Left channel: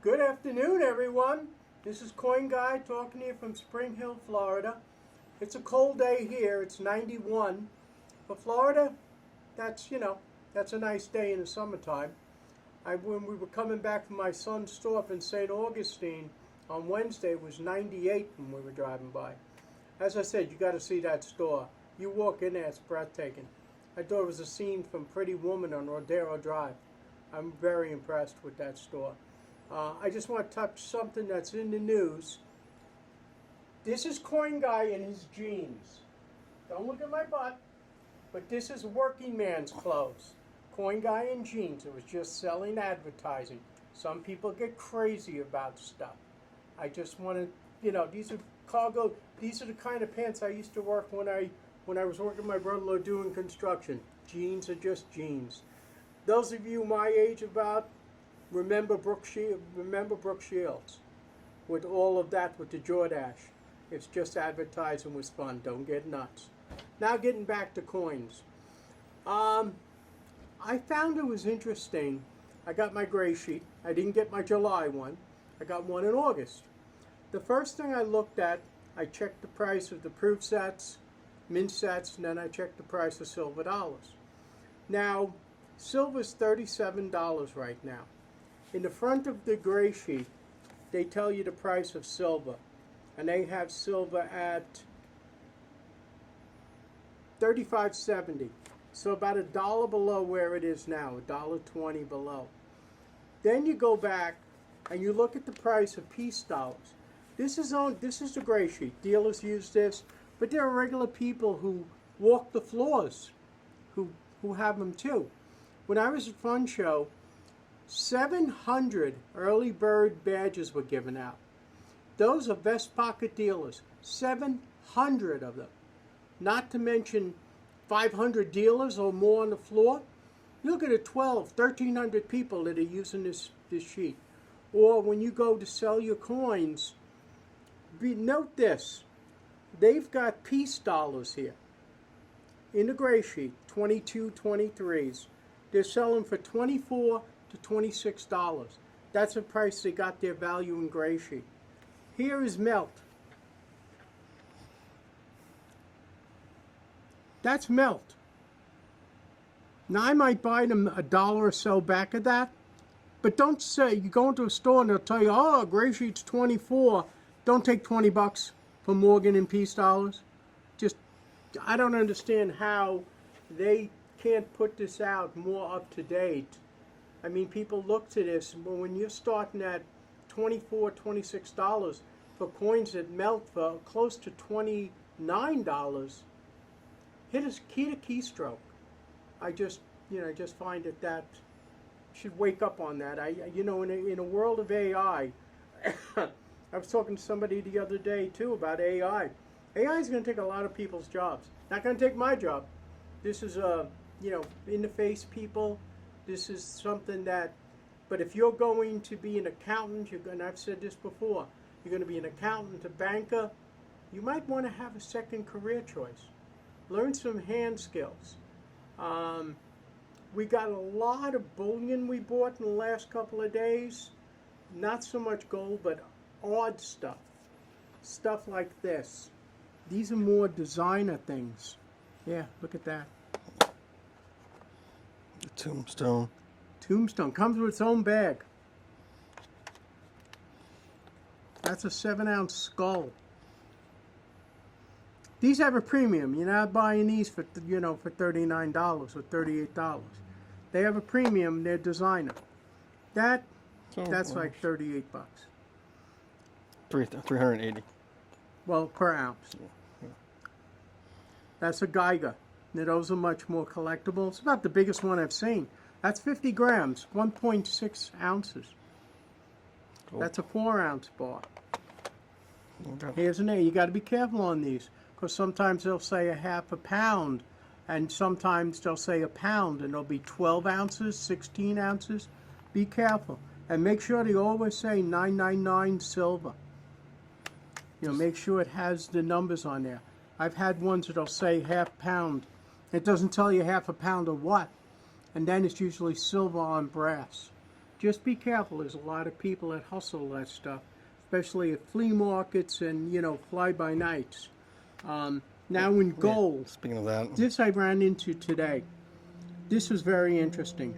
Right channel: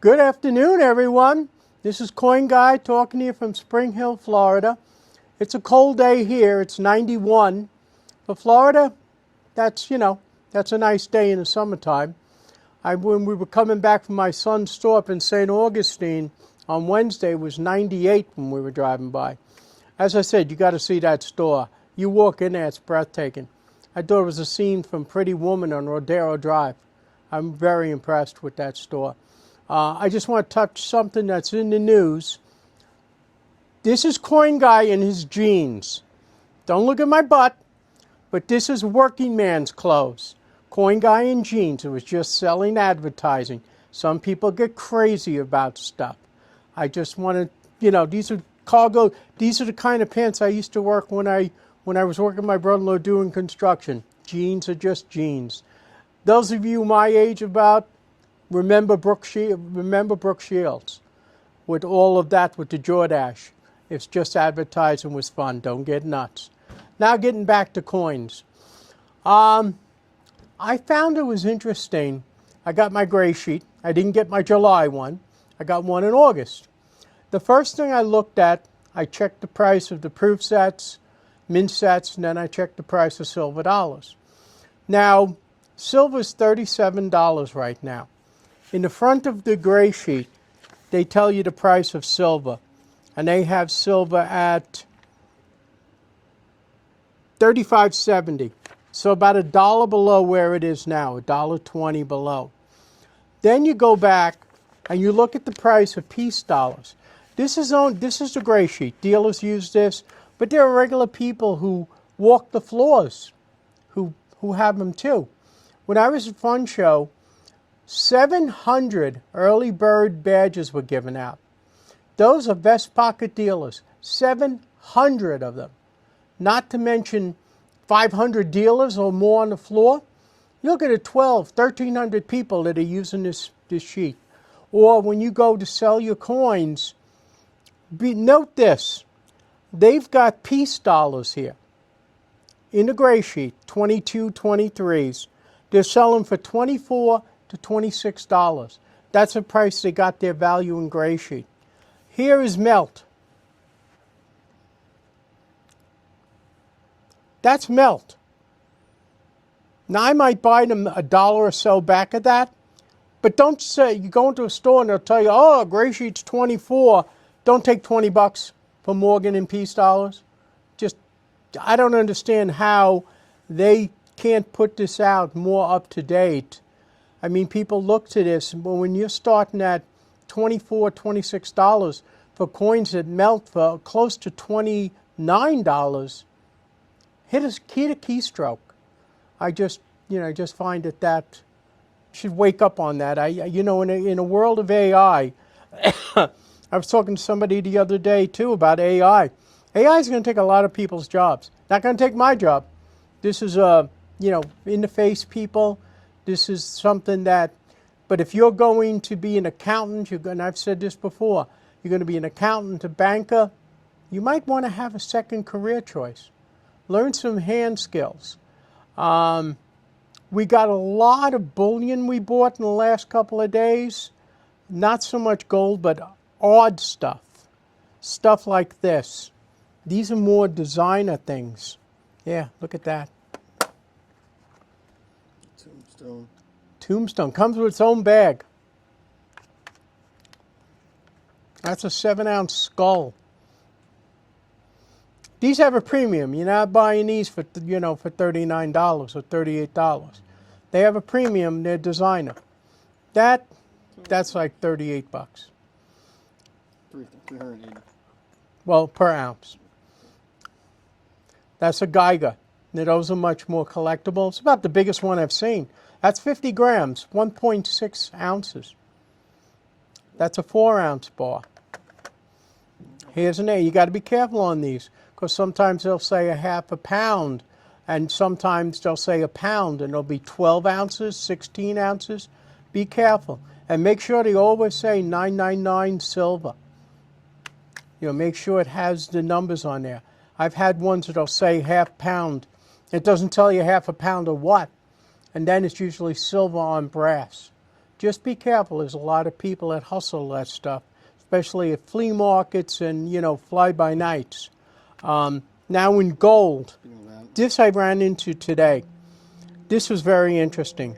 Good afternoon, everyone. This is Coin Guy talking to you from Spring Hill, Florida. It's a cold day here. It's 91. For Florida, that's a nice day in the summertime. When we were coming back from my son's store up in St. Augustine on Wednesday, it was 98 when we were driving by. As I said, you got to see that store. You walk in there, it's breathtaking. I thought it was a scene from Pretty Woman on Rodeo Drive. I'm very impressed with that store. I just want to touch something that's in the news. This is Coin Guy in his jeans. Don't look at my butt, but this is working man's clothes. Coin Guy in jeans. It was just selling advertising. Some people get crazy about stuff. I just want to, these are cargo. These are the kind of pants I used to work when I was working with my brother-in-law doing construction. Jeans are just jeans. Those of you my age remember Brooke Shields with all of that with the Jordache. It's just advertising was fun. Don't get nuts. Now getting back to coins. I found it was interesting. I got my Greeysheet. I didn't get my July one. I got one in August. The first thing I looked at, I checked the price of the proof sets, mint sets, and then I checked the price of silver dollars. Now, silver's $37 right now. In the front of the Greeysheet, they tell you the price of silver, and they have silver at $35.70, so about $1 below where it is now, $1.20 below. Then you go back and you look at the price of peace dollars. This is the Greeysheet. Dealers use this, but there are regular people who walk the floors who have them too. When I was at Fun Show, 700 early bird badges were given out. Those are vest pocket dealers, 700 of them. Not to mention 500 dealers or more on the floor. You look at it, 1,300 people that are using this sheet. Or when you go to sell your coins, note this, they've got peace dollars here. In the Greeysheet, 22, 23s. They're selling for $24 to $26. That's the price they got their value in Greeysheet. Here is melt. That's melt. Now I might buy them $1 or so back of that, but don't say, you go into a store and they'll tell you, oh, Greeysheet's 24. Don't take 20 bucks for Morgan and peace dollars. I don't understand how they can't put this out more up to date. I mean, people look to this, but when you're starting at $24, $26 for coins that melt for close to $29, hit a keystroke. I just find that should wake up on that. In a world of AI, I was talking to somebody the other day too about AI. AI is going to take a lot of people's jobs. Not going to take my job. This is in-the-face people. This is something that, but if you're going to be an accountant, and I've said this before, you're going to be an accountant, a banker, you might want to have a second career choice. Learn some hand skills. We got a lot of bullion we bought in the last couple of days. Not so much gold, but odd stuff. Stuff like this. These are more designer things. Yeah, look at that. Tombstone. Tombstone. Comes with its own bag. That's a 7-ounce skull. These have a premium. You're not buying these for $39 or $38. They have a premium. They're designer. That's like 38 bucks. 380. Well, per ounce. That's a Geiger. Those are much more collectible. It's about the biggest one I've seen. That's 50 grams, 1.6 ounces. Cool. That's a 4-ounce bar. Okay. Here's an A. You got to be careful on these because sometimes they'll say a half a pound, and sometimes they'll say a pound, and it'll be 12 ounces, 16 ounces. Be careful. And make sure they always say 999 silver. Make sure it has the numbers on there. I've had ones that'll say half pound. It doesn't tell you half a pound of what. And then it's usually silver on brass. just be careful. There's a lot of people that hustle that stuff, especially at flea markets and, you know, fly-by-nights. Now in gold, Speaking of that, this I ran into today. This was very interesting.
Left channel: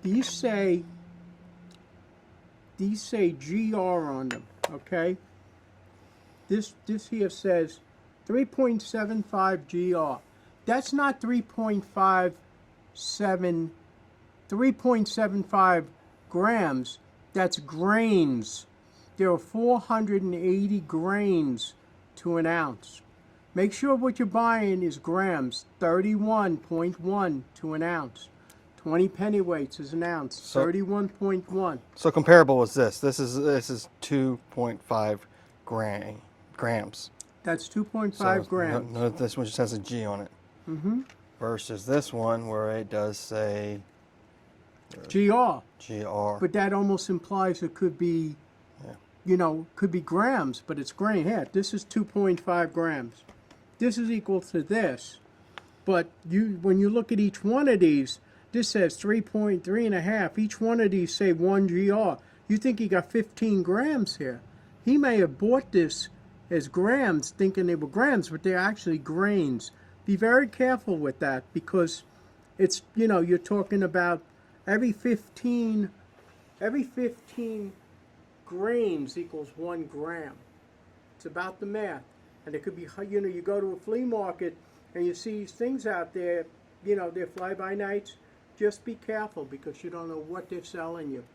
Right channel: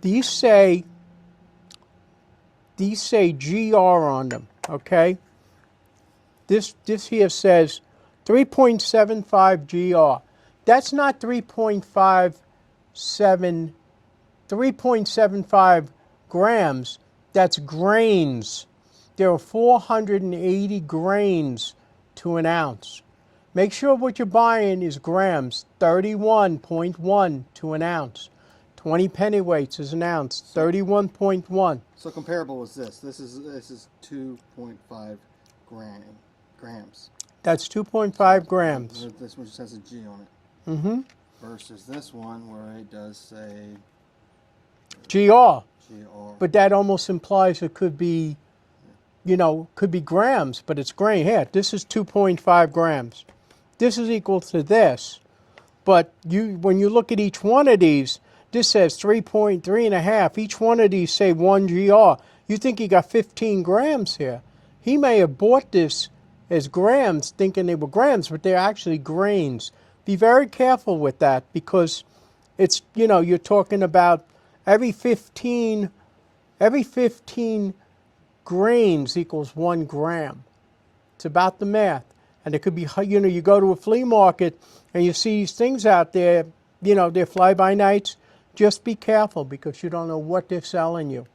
These say GR on them, okay? This here says 3.75 GR. That's not 3.75 grams. That's grains. There are 480 grains to an ounce. Make sure what you're buying is grams, 31.1 to an ounce. 20 pennyweights is an ounce, 31.1. so comparable was this. This is 2.5 grams. That's 2.5 So, grams. This one just has a G on it. Versus this one where it does say GR. GR. But that almost implies it could be, you know, could be grams, but it's grain. Here, this is 2.5 grams. This is equal to this. But when you look at each one of these, this says 3.3.5. Each one of these say 1 GR. You think he got 15 grams here. He may have bought this as grams, thinking they were grams, but they're actually grains. Be very careful with that because it's, you know, you're talking about every 15 grains equals 1 gram. It's about the math. And it could be, you know, you go to a flea market and you see these things out there, you know, they're fly-by-nights. Just be careful because you don't know what they're selling you.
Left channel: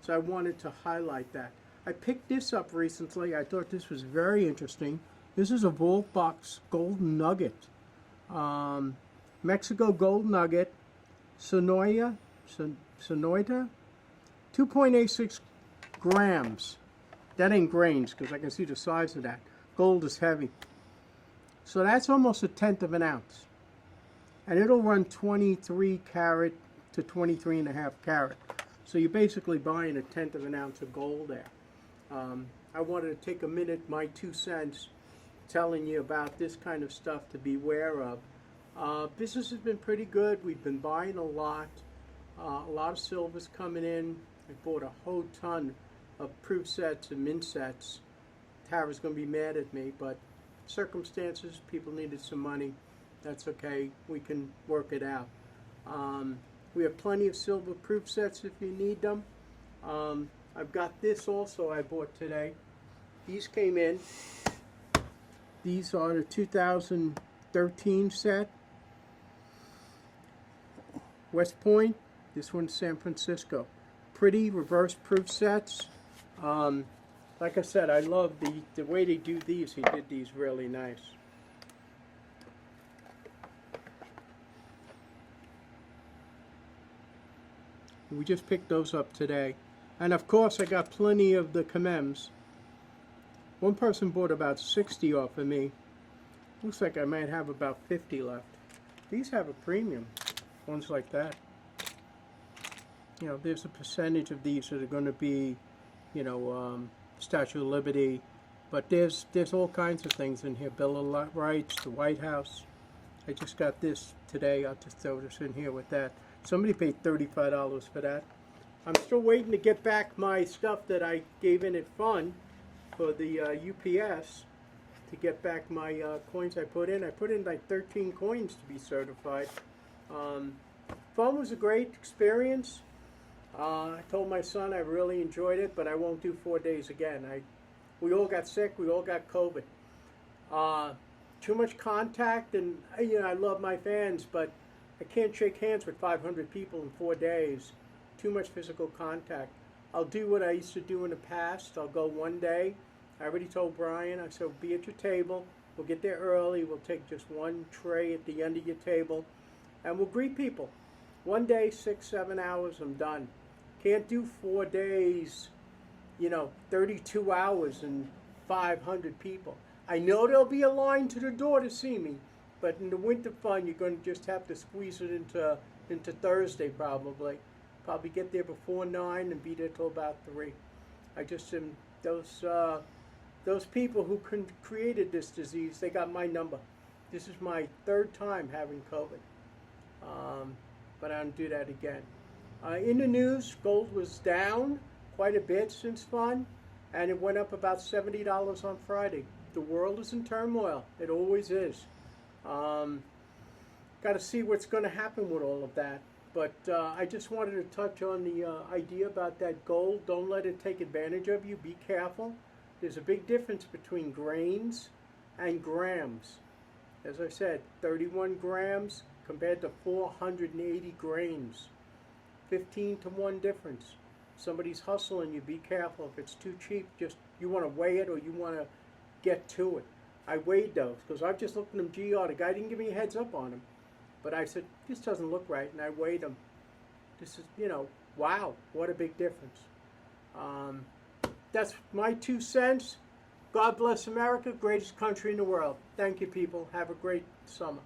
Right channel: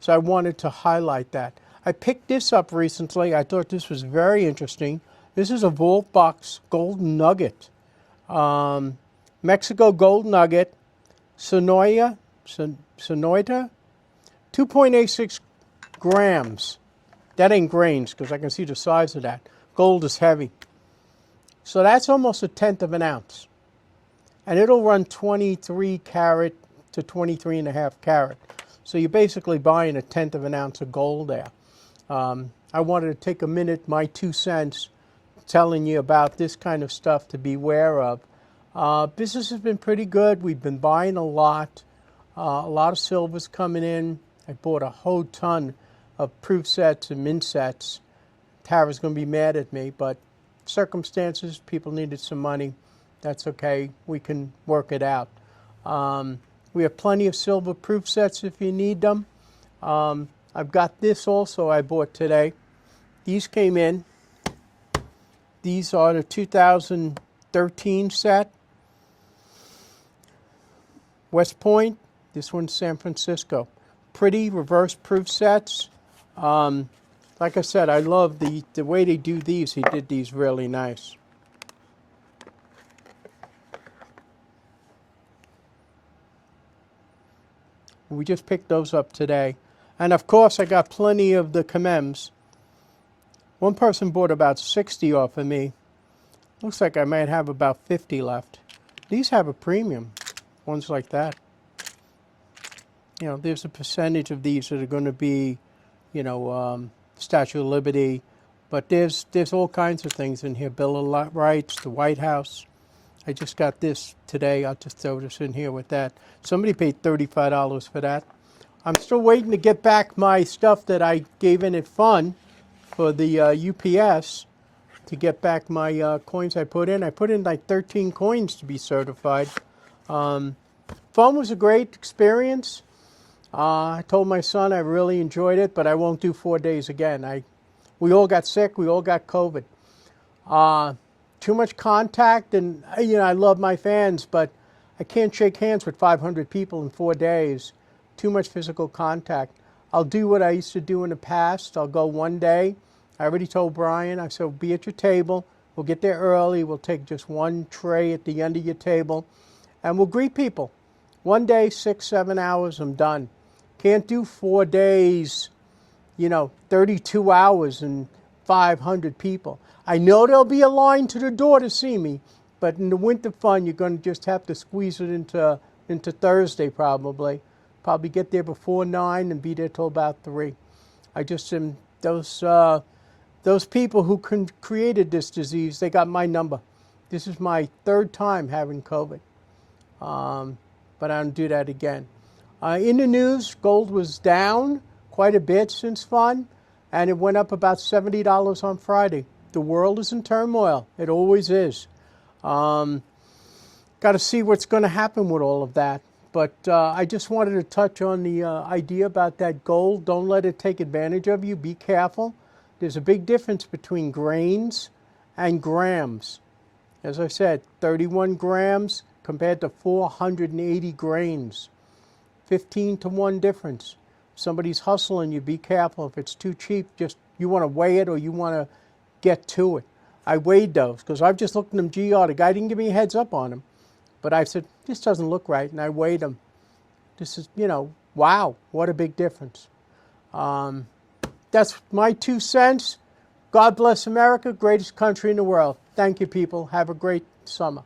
So I wanted to highlight that. I picked this up recently. I thought this was very interesting. This is a Vault Box Gold Nugget. Mexico Gold Nugget, Sonoita, 2.86 grams. That ain't grains because I can see the size of that. Gold is heavy. So that's almost 1/10 of an ounce. And it'll run 23 carat to 23.5 carat. So you're basically buying 1/10 of an ounce of gold there. I wanted to take a minute, my 2 cents, telling you about this kind of stuff to beware of. Business has been pretty good. We've been buying a lot of silver's coming in. I bought a whole ton of proof sets and mint sets. Tara's going to be mad at me, but circumstances, people needed some money. That's okay. We can work it out. We have plenty of silver proof sets if you need them. I've got this also I bought today. These came in. These are the 2013 set. West Point. This one's San Francisco. Pretty reverse proof sets. Like I said, I love the way they do these. He did these really nice. We just picked those up today. And of course, I got plenty of the Kamems. One person bought about 60 off of me. Looks like I might have about 50 left. These have a premium, ones like that. You know, there's a percentage of these that are going to be, you know, Statue of Liberty. But there's all kinds of things in here. Bill of Rights, the White House. I just got this today. I'll just throw this in here with that. Somebody paid $35 for that. I'm still waiting to get back my stuff that I gave in at Fun for the UPS to get back my coins I put in. I put in like 13 coins to be certified. Fun was a great experience. I told my son I really enjoyed it, but I won't do 4 days again. We all got sick. We all got COVID. Too much contact, and you know I love my fans, but I can't shake hands with 500 people in 4 days. Too much physical contact. I'll do what I used to do in the past. I'll go one day. I already told Brian, I said, be at your table. We'll get there early. We'll take just one tray at the end of your table, and we'll greet people. One day, 6, 7 hours, I'm done. Can't do 4 days, you know, 32 hours and 500 people. I know there'll be a line to the door to see me, but in the winter fun, you're going to just have to squeeze it into Thursday probably. Probably get there before 9 and be there till about 3. I just am, those people who created this disease, they got my number. This is my 3rd time having COVID, but I don't do that again. In the news, gold was down quite a bit since fun, and it went up about $70 on Friday. The world is in turmoil. It always is. Got to see what's going to happen with all of that. But I just wanted to touch on the idea about that gold. Don't let it take advantage of you. Be careful. There's a big difference between grains and grams. As I said, 31 grams compared to 480 grains. 15 to 1 difference. If somebody's hustling you, be careful. If it's too cheap, just you want to weigh it or you want to get to it. I weighed those because I've just looked at them GR. The guy didn't give me a heads up on them. But I said, this doesn't look right, and I weighed them. This is, wow, what a big difference. That's my 2 cents. God bless America, greatest country in the world. Thank you, people. Have a great summer.